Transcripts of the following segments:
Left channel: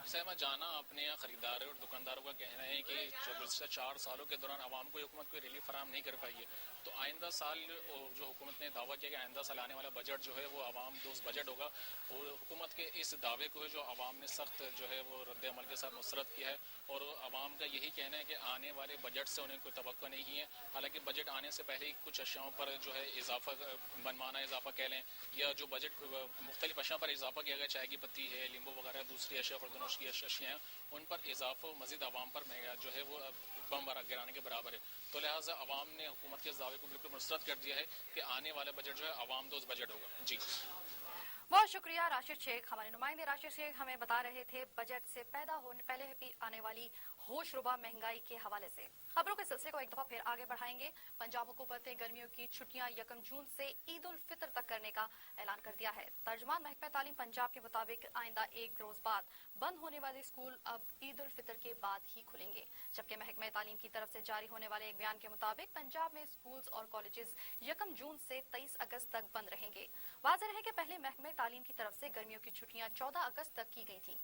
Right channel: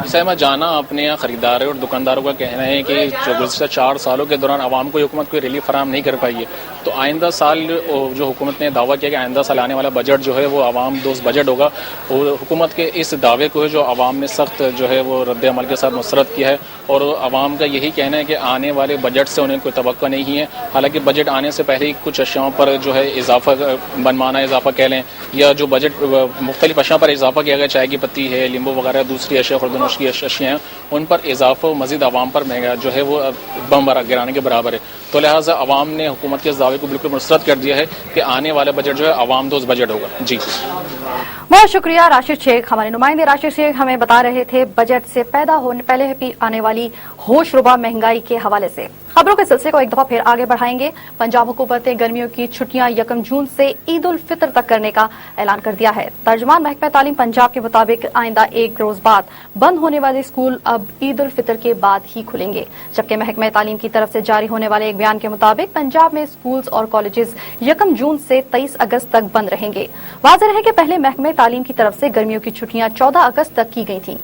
اسے میں جانا اپنے یہاں خریداروں اور دکانداروں کا کہنا ہے کہ جو گزشتہ 4 سالوں کے دوران عوام کو حکومت کوئی ریلیف فراہم نہیں کر پائی ہے، تو آئندہ سال جو حکومت نے دعویٰ کیا کہ آئندہ سال آنے والا بجٹ جو ہے وہ عوام دوست بجٹ ہوگا، اور حکومت کے اس دعوے کو ہے جو عوام نے سخت جو ہے وہ رد عمل کے ساتھ مسترد کیا ہے، اور عوام کا یہی کہنا ہے کہ آنے والے بجٹ سے انہیں کوئی توقع نہیں ہے۔ حالانکہ بجٹ آنے سے پہلے ہی کچھ اشیاء پر جو ہے اضافہ بنمانا اضافہ کہہ لیں، یا جو بجٹ مختلف اشیاء پر اضافہ کیا گیا، چائے کی پتی ہے، لیمبو وغیرہ دوسری اشیاء خوردونوش کی اشیاء ہیں، ان پر اضافہ مزید عوام پر مہنگا جو ہے وہ بم گرانے کے برابر ہے۔ تو لہٰذا عوام نے حکومت کے اس دعوے کو بالکل مسترد کر دیا ہے کہ آنے والا بجٹ جو ہے عوام دوست بجٹ ہوگا۔ جی بہت شکریہ راشد شیخ۔ ہمارے نمائندے راشد شیخ ہمیں بتا رہے تھے بجٹ سے پیدا ہونے پہلے آنے والی ہوش ربا مہنگائی کے حوالے سے۔ خبروں کے سلسلے کو ایک دفعہ پھر آگے بڑھائیں گے۔ پنجاب حکومت نے گرمیوں کی چھٹیاں 1 جون سے عید الفطر تک کرنے کا اعلان کر دیا ہے۔ ترجمان محکمہ تعلیم پنجاب کے مطابق آئندہ 1 روز بعد بند ہونے والے اسکول اب عید الفطر کے بعد ہی کھلیں گے، جبکہ محکمہ تعلیم کی طرف سے جاری ہونے والے ایک بیان کے مطابق پنجاب میں اسکولز اور کالجز 1 جون سے 23 اگست تک بند رہیں گے۔ واضح رہے کہ پہلے محکمہ تعلیم کی طرف سے گرمیوں کی چھٹیاں 14 اگست تک کی گئی تھیں۔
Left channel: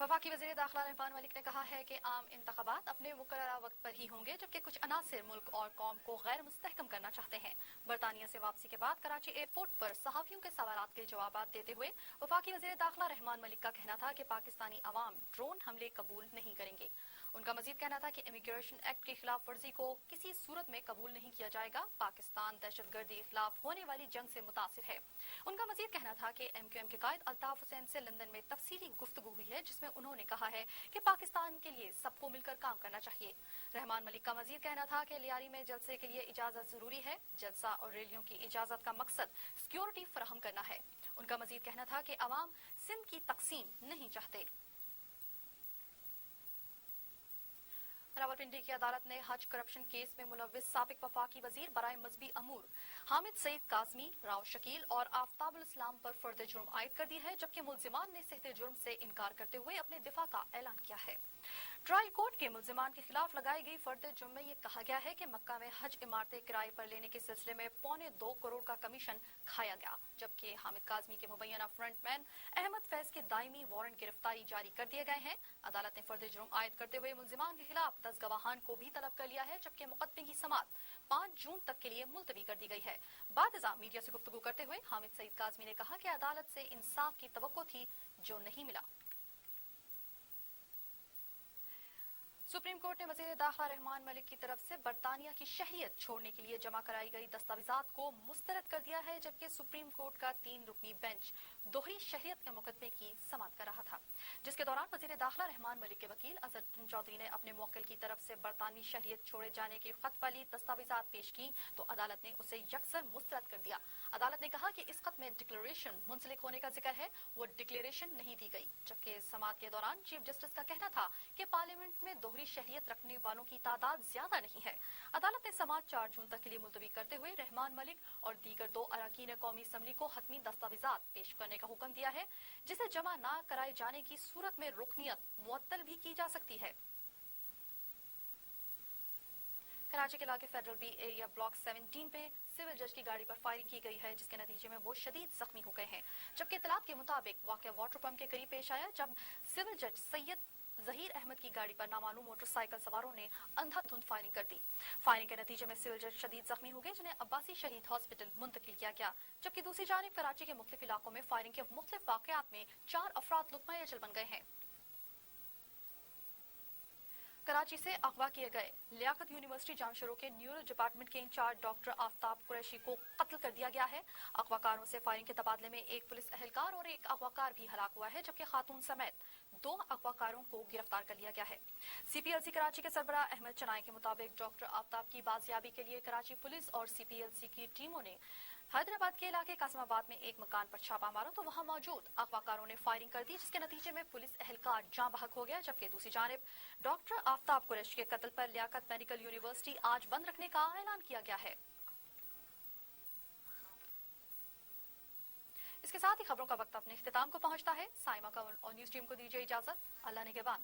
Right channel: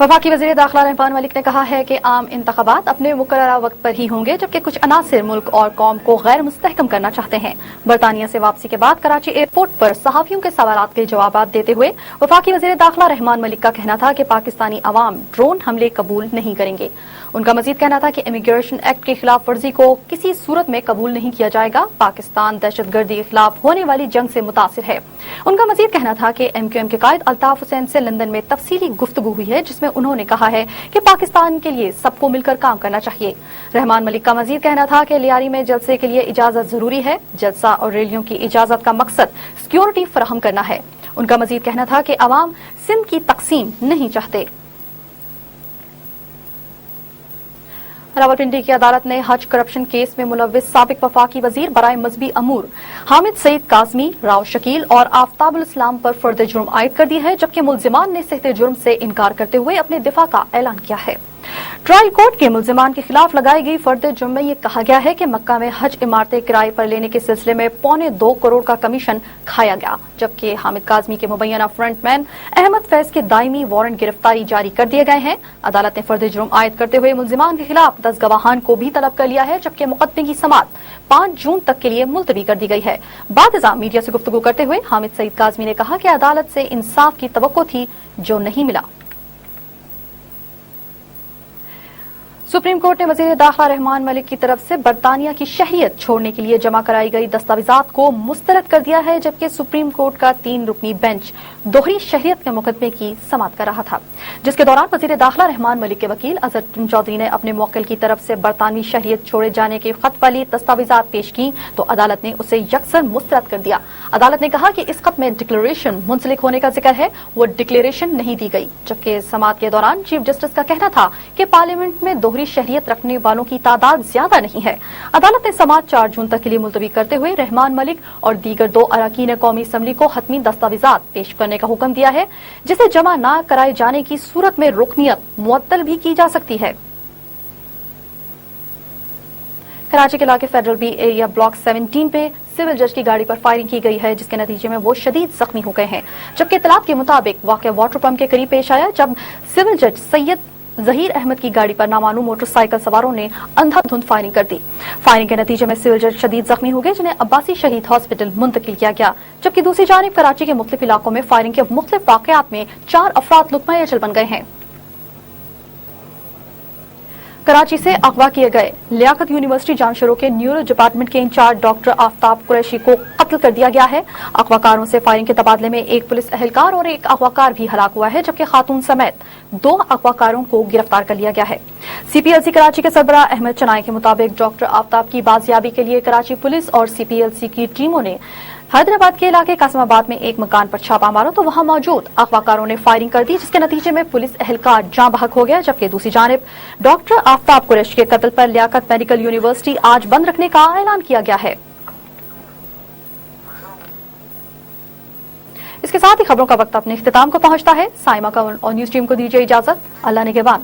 وفاقی وزیر داخلہ رحمان ملک نے کہا ہے کہ عام انتخابات اپنے مقررہ وقت پر ہی ہوں گے، جبکہ کچھ عناصر ملک اور قوم کو غیر مستحکم کرنا چاہتے ہیں۔ برطانیہ سے واپسی کے بعد کراچی ایئرپورٹ پر صحافیوں کے سوالات کے جوابات دیتے ہوئے وفاقی وزیر داخلہ رحمان ملک کا کہنا تھا کہ پاکستانی عوام ڈرون حملے قبول نہیں کریں گے۔ ان کا مزید کہنا تھا کہ امیگریشن ایکٹ کی خلاف ورزی کو کسی صورت میں قبول نہیں کیا جائے گا۔ پاکستان دہشت گردی کے خلاف ہونے والی جنگ سے متاثر ہے۔ ان کا مزید کہنا تھا کہ MQM کے قائد الطاف حسین سے لندن میں تفصیلی گفتگو ہوئی ہے، جس میں انہوں نے کہا ہے کہ پاکستان کے لیے سب کو مل کر کام کرنا چاہیے۔ رحمان ملک کا مزید کہنا تھا کہ لیاری میں جلسے کے لیے اجازت ضروری ہے۔ جلسہ اور ریلیوں کی اجازت کا مقصد سیکیورٹی فراہم کرنا ہے۔ ان کا مزید کہنا تھا کہ عوام سندھ کی تقسیم نہیں چاہتے۔ راولپنڈی کی عدالت نے حج کرپشن کیس میں ملوث سابق وفاقی وزیر برائے مذہبی امور حامد سعید کاظمی، راؤ شکیل اور آفتاب الاسلام پر فرد جرم عائد کر دی ہے، جبکہ ملزمان نے صحت جرم سے انکار کرتے ہوئے اپنے دفاع کا اعلان کیا ہے۔ ٹرائل کورٹ کے ملزمان کے خلاف لگائی گئی فرد جرم میں یہ کہا گیا ہے کہ مکہ میں حج عمارتیں کرائے پر لینے کے سلسلے میں 2.25 کروڑ کا کمیشن کھایا گیا، جبکہ حامد کاظمی کے مبینہ فرنٹ مین احمد فیض کے دائمی وارنٹ گرفتاری جاری کر دیے گئے ہیں۔ عدالت نے فرد جرم عائد کرتے ہوئے ملزمان کے خلاف 10 گواہان کو بھی طلب کر لیا ہے، جبکہ مقدمے کی سماعت 5 جون تک کے لیے ملتوی کر دی گئی ہے۔ بعد ازاں میڈیا سے گفتگو کرتے ہوئے حامد سعید کاظمی نے کہا کہ عدالت سے انصاف کی توقع تھی جو نہیں ملا۔ سپریم کورٹ نے وزیر داخلہ رحمان ملک کی طرف سے برطانیہ کی شہریت چھوڑنے کے لیے جمع کرائی گئی دستاویزات کو مسترد کر دیا ہے، جبکہ سپریم کورٹ کا 3 رکنی بینچ دوہری شہریت کے مقدمے کی سماعت کر رہا تھا، جس کے دوران وزیر داخلہ رحمان ملک کے وکیل اظہر چودھری نے اپنے موکل کی طرف سے برطانوی شہریت چھوڑے جانے کے خط والی دستاویزات پیش کی تو عدالت نے اسے یکسر مسترد کر دیا۔ عدالت نے کہا کہ اس خط میں ڈکلیریشن منسلک ہونے کا ذکر ہے، وہ ڈکلیریشن نہیں دی گئی، جبکہ سماعت کے دوران چیف جسٹس کا کہنا تھا کہ پارلیمنٹ میں دوہری شہریت رکھنے والوں کی تعداد زیادہ نہیں ہے۔ عدالت نے سماعت 4 جون تک کے لیے ملتوی کرتے ہوئے رحمان ملک اور دیگر 2 اراکین قومی اسمبلی کو حتمی دستاویزات پیش کرنے کا حکم دیا ہے، جسے جمع نہ کرائے جانے کی صورت میں رکنیت معطل بھی کی جا سکتی ہے۔ کراچی کے علاقے فیڈرل بی ایریا بلاک 17 پہ سول جج کی گاڑی پر فائرنگ کی گئی ہے، جس کے نتیجے میں وہ شدید زخمی ہو گئے ہیں، جبکہ اطلاعات کے مطابق واقعہ واٹر پمپ کے قریب پیش آیا جب سول جج سید ظہیر احمد کی گاڑی پر نامعلوم موٹر سائیکل سواروں نے اندھا دھند فائرنگ کر دی۔ فائرنگ کے نتیجے میں سول جج شدید زخمی ہو گئے، جنہیں عباسی شہید ہاسپٹل منتقل کیا گیا، جبکہ دوسری جانب کراچی کے مختلف علاقوں میں فائرنگ کے مختلف واقعات میں 4 افراد لقمہ اجل بن گئے ہیں۔ کراچی سے اغوا کیے گئے لیاقت یونیورسٹی جانشورو کے نیورو ڈپارٹمنٹ کے انچارج ڈاکٹر آفتاب قریشی کو قتل کر دیا گیا ہے۔ اغوا کاروں سے فائرنگ کے تبادلے میں ایک پولیس اہلکار اور ایک اغوا کار بھی ہلاک ہوا ہے، جبکہ خاتون سمیت 2 اغوا کاروں کو گرفتار کر لیا گیا ہے۔ CPLC کراچی کے سربراہ احمد چنائی کے مطابق ڈاکٹر آفتاب کی بازیابی کے لیے کراچی پولیس اور CPLC کی ٹیموں نے حیدرآباد کے علاقے قاسم آباد میں ایک مکان پر چھاپا مارا تو وہاں موجود اغوا کاروں نے فائرنگ کر دی، جس کے نتیجے میں پولیس اہلکار جاں بحق ہو گیا، جبکہ دوسری جانب ڈاکٹر آفتاب قریشی کے قتل پر لیاقت میڈیکل یونیورسٹی آج بند رکھنے کا اعلان کیا گیا ہے۔ اس کے ساتھ ہی خبروں کا وقت اپنے اختتام کو پہنچتا ہے۔ سائمہ کا اور نیوز ٹیم کو دیجیے اجازت۔ اللہ نگہبان۔